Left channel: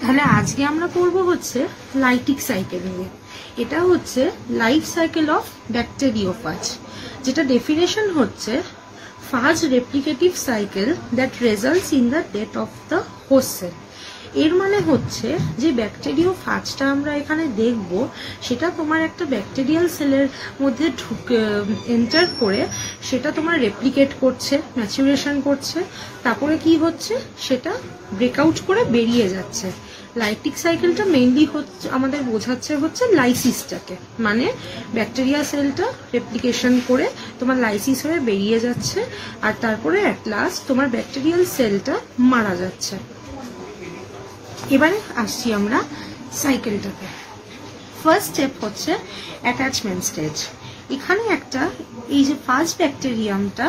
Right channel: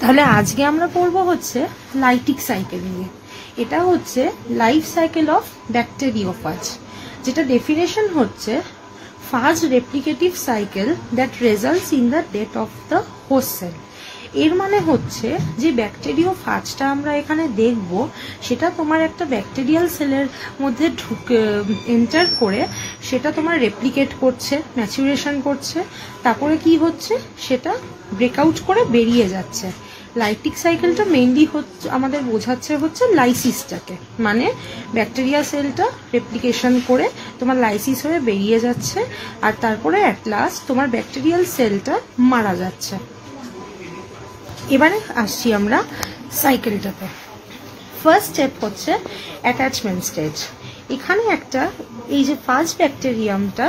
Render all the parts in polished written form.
তাহলে আজকে আমরা পড়বো হচ্ছে লাইটিক সাইকেল নিয়ে। এটা হচ্ছে লাইফ সাইকেল অফ ব্যাকটেরিওফাজ, যেটা ডেফিনেশন হচ্ছে ফাজ replicative cycle that results in the death of the host cell. এর মানে হচ্ছে যে ব্যাকটেরিওফাজটা আমরা এখানে দেখব, সেটা তোমার একটা ব্যাকটেরিয়াল সেলের মধ্যে এন্টার করে সেটা তোমার রেপ্লিকেট করছে, ম্যাচুরেশন করছে, তারপরে কি হচ্ছে সেটা ব্রেকআউট করে বেরিয়ে যাচ্ছে। লাইটিক সাইকেলটা মেইনলি আমাদের বোঝাচ্ছে হচ্ছে লাইসিসটাকে, মানে ব্যাকটেরিয়া সেলটা রেপ্লিকেশন করে তোমার লাইসিস হয়ে বেরিয়ে যাচ্ছে, আর তারপরে অ্যাট লাস্ট তোমার ব্যাকটেরিয়াল সেলটা মারা যাচ্ছে। এবারে আসছি আমরা সাইকেলটাতে। ফার্স্ট স্টেপ হচ্ছে অ্যাটাচমেন্ট স্টেজ। এখানে একটা এই যে ফাজ ব্যাকটেরিয়ামটা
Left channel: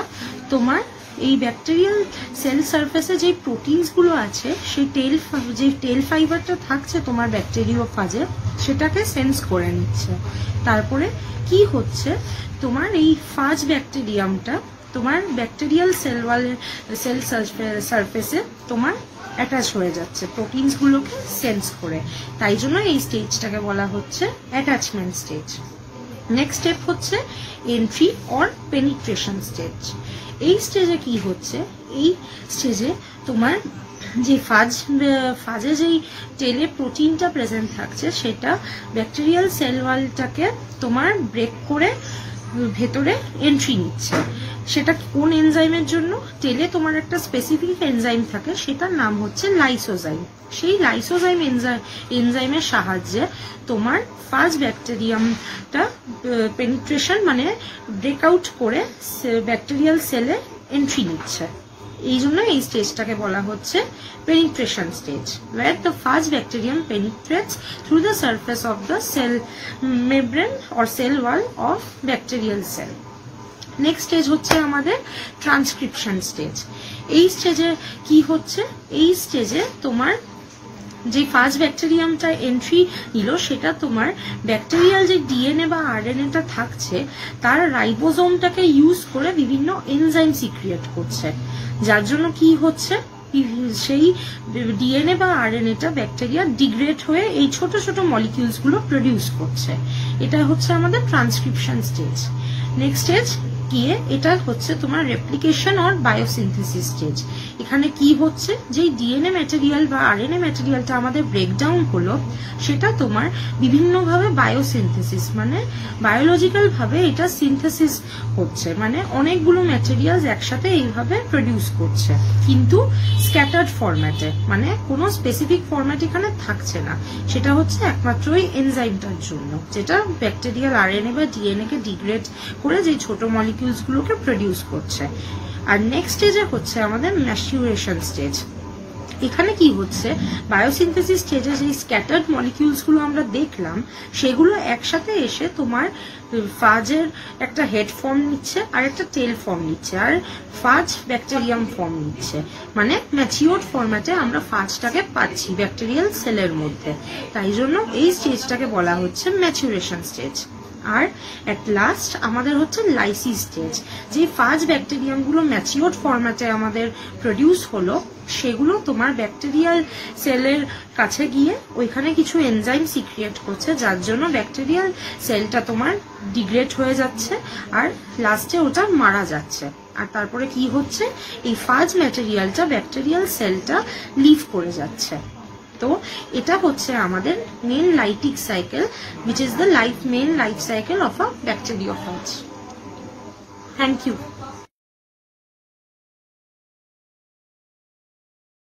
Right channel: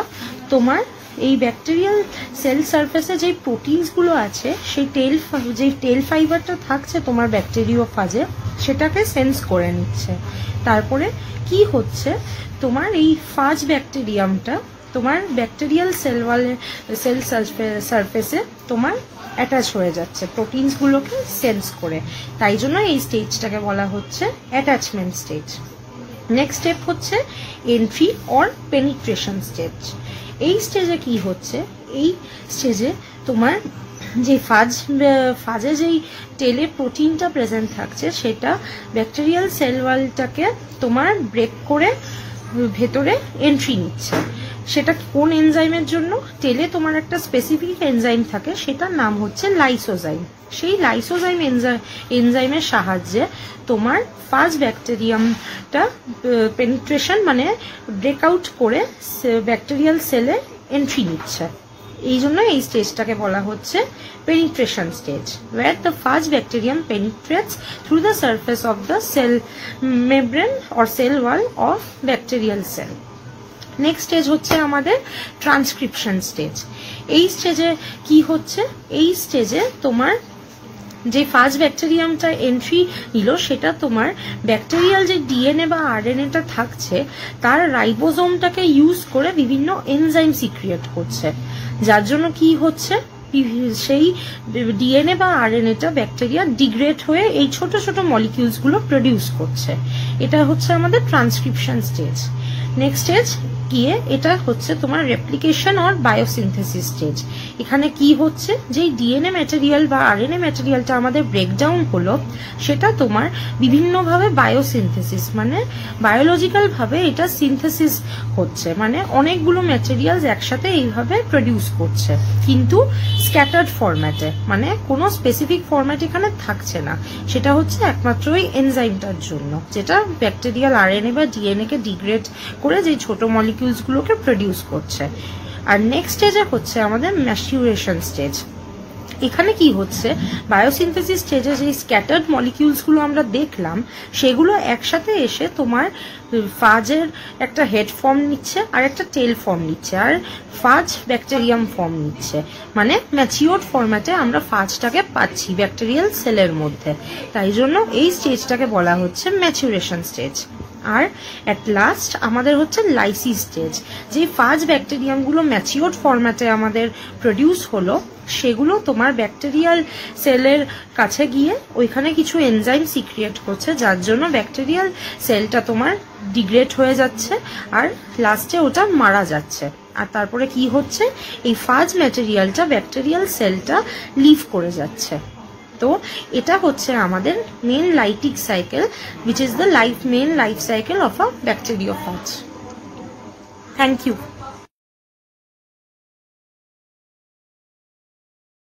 তোমার এই ব্যাকটেরিয়াল সেল সারফেসে যে প্রোটিনস গুলো আছে সেই টেল ফাইবারটা থাকছে তোমার ব্যাকটেরিওফাজে, সেটাকে সেন্স করে নিচ্ছে। তারপরে কি হচ্ছে, তোমার এই ফাজ ব্যাকটেরিয়ামটা তোমার ব্যাকটেরিয়াল সেল সারফেসে তোমার অ্যাটাচ হয়ে যাচ্ছে প্রোটিনস গুলোকে সেন্স করে, তাই জন্য এই স্টেজটাকে বলা হচ্ছে অ্যাটাচমেন্ট স্টেজ। নেক্সট স্টেপ হচ্ছে এন্ট্রি অর পেনিট্রেশন স্টেজ। এই স্টেজে কি হচ্ছে, এই স্টেজে তোমার যে ফাজে যেই টেলে প্রোটিনটা প্রেজেন্ট থাকছে সেটা ব্যাকটেরিয়াল সেল ওয়ালটাকে তোমার ব্রেক করে ভেতরে এন্ট্রি নিচ্ছে। সেটা কোন এনজাইমের জন্য, টেলে তোমার একটা স্পেসিফিক এনজাইম থাকে, সেটার নাম হচ্ছে লাইসোজাইম। সেই লাইসোজাইম এনজাইমের সাহায্যে তোমার ফাজ ব্যাকটেরিয়ামটা পেনিট্রেশন মানে ব্রেকআউট করে ব্যাকটেরিয়াল সেলে এন্ট্রি নিচ্ছে। এই জন্য এই স্টেজটাকে বলা হচ্ছে penetration stage, where the faz bacterium penetrates through the surface of the cell membrane or cell wall of bacterial cell. Next stage হচ্ছে আমাদের ট্রান্সক্রিপশন স্টেজ। এই স্টেজে কি হচ্ছে, এই স্টেজে তোমার যে ফাজ ব্যাকটেরিয়ামটা এন্ট্রি নিল সেটা তোমার ব্যাকটেরিয়াল যে ডিএনএ বা আরএনএটা থাকছে তার রাইবোজোমটাকে ইউজ করে বিভিন্ন এনজাইম সিক্রিয়েট করছে, যার জন্য কি হচ্ছে সেই ডিএনএ বা আরএনএটা ব্যাকটেরিয়া ডিগ্রেড হয়ে এই ছোট ছোট মলিকিউলস গুলো প্রডিউস করছে। এটা হচ্ছে আমাদের ট্রান্সক্রিপশন স্টেজ। নেক্সট স্টেজ গিয়ে এটা হচ্ছে তোমার রেপ্লিকেশন আর বায়োসিনথেসিস স্টেজ। এখানে কি হচ্ছে, যে ডিএনএ ম্যাটেরিয়াল বা আরএনএ ম্যাটেরিয়ালটা আমাদের ব্রেকডাউন হলো সেটা তোমার বিভিন্নভাবে বায়োসিনথেসিস মানে বায়োলজিক্যাল ভাবে এটা সিনথেসিস হচ্ছে, মানে অনেকগুলো ম্যাটেরিয়ালস একসাথে এইভাবে প্রডিউস করছে, কিন্তু স্ক্যাটার্ড ফরম্যাটে, মানে কোনো স্পেসিফিক ফরম্যাট এখানে থাকছে না। সেটা হচ্ছে একমাত্র ওই এনজাইমটার জন্য, যেটা ব্যাকটেরিয়াল আরএনএ বা ডিএনএ কে ডিগ্রেড করে যে ছোট মলিকিউলস গুলোকে প্রডিউস করছে। আর নেক্সট স্টেজে হচ্ছে আমাদের ম্যাচুরেশন স্টেজ। এখানে কি হচ্ছে, বায়োসিনথেসিস স্টেজে যে স্ক্যাটার্ড মলিকিউলস গুলো আমরা দেখলাম সেগুলো একসাথে এসে তোমার ফাজের একটা হেড ফর্ম নিচ্ছে আর একটা টেল ফর্ম নিচ্ছে, আর ফাজ ব্যাকটেরিয়াম ফর্ম নিচ্ছে, মানে ম্যাচিওর ফরম্যাটে আমরা ফাজটাকে পাচ্ছি ব্যাকটেরিয়াল সেলের মধ্যে। তাই জন্য এই স্টেজটাকে বলা হচ্ছে ম্যাচুরেশন স্টেজ। আর এট লাস্ট আমাদের হচ্ছে লাইসিস স্টেজ। যে ফাজ ব্যাকটেরিয়াম গুলো ম্যাচিওর ফরম্যাটে আমাদের প্রডিউস হলো সেগুলো তোমার ব্যাকটেরিয়াল সেলের কাছে গিয়ে ওইখানে কিছু এনজাইম সিক্রিয়েট করছে, যার জন্য ব্যাকটেরিয়াল সেলটা তোমার ডিগ্রেড হয়ে যাচ্ছে আর লাস্টে ওটা মারা যাচ্ছে। আর তারপরে কি হচ্ছে, এই ফাজ ম্যাটেরিয়ালটা ব্যাকটেরিয়াল সেলটা লিভ করে যাচ্ছে। তো এটা হচ্ছে আমাদের main lytic cycle, which is the main life cycle of a bacteriophage. Thank you.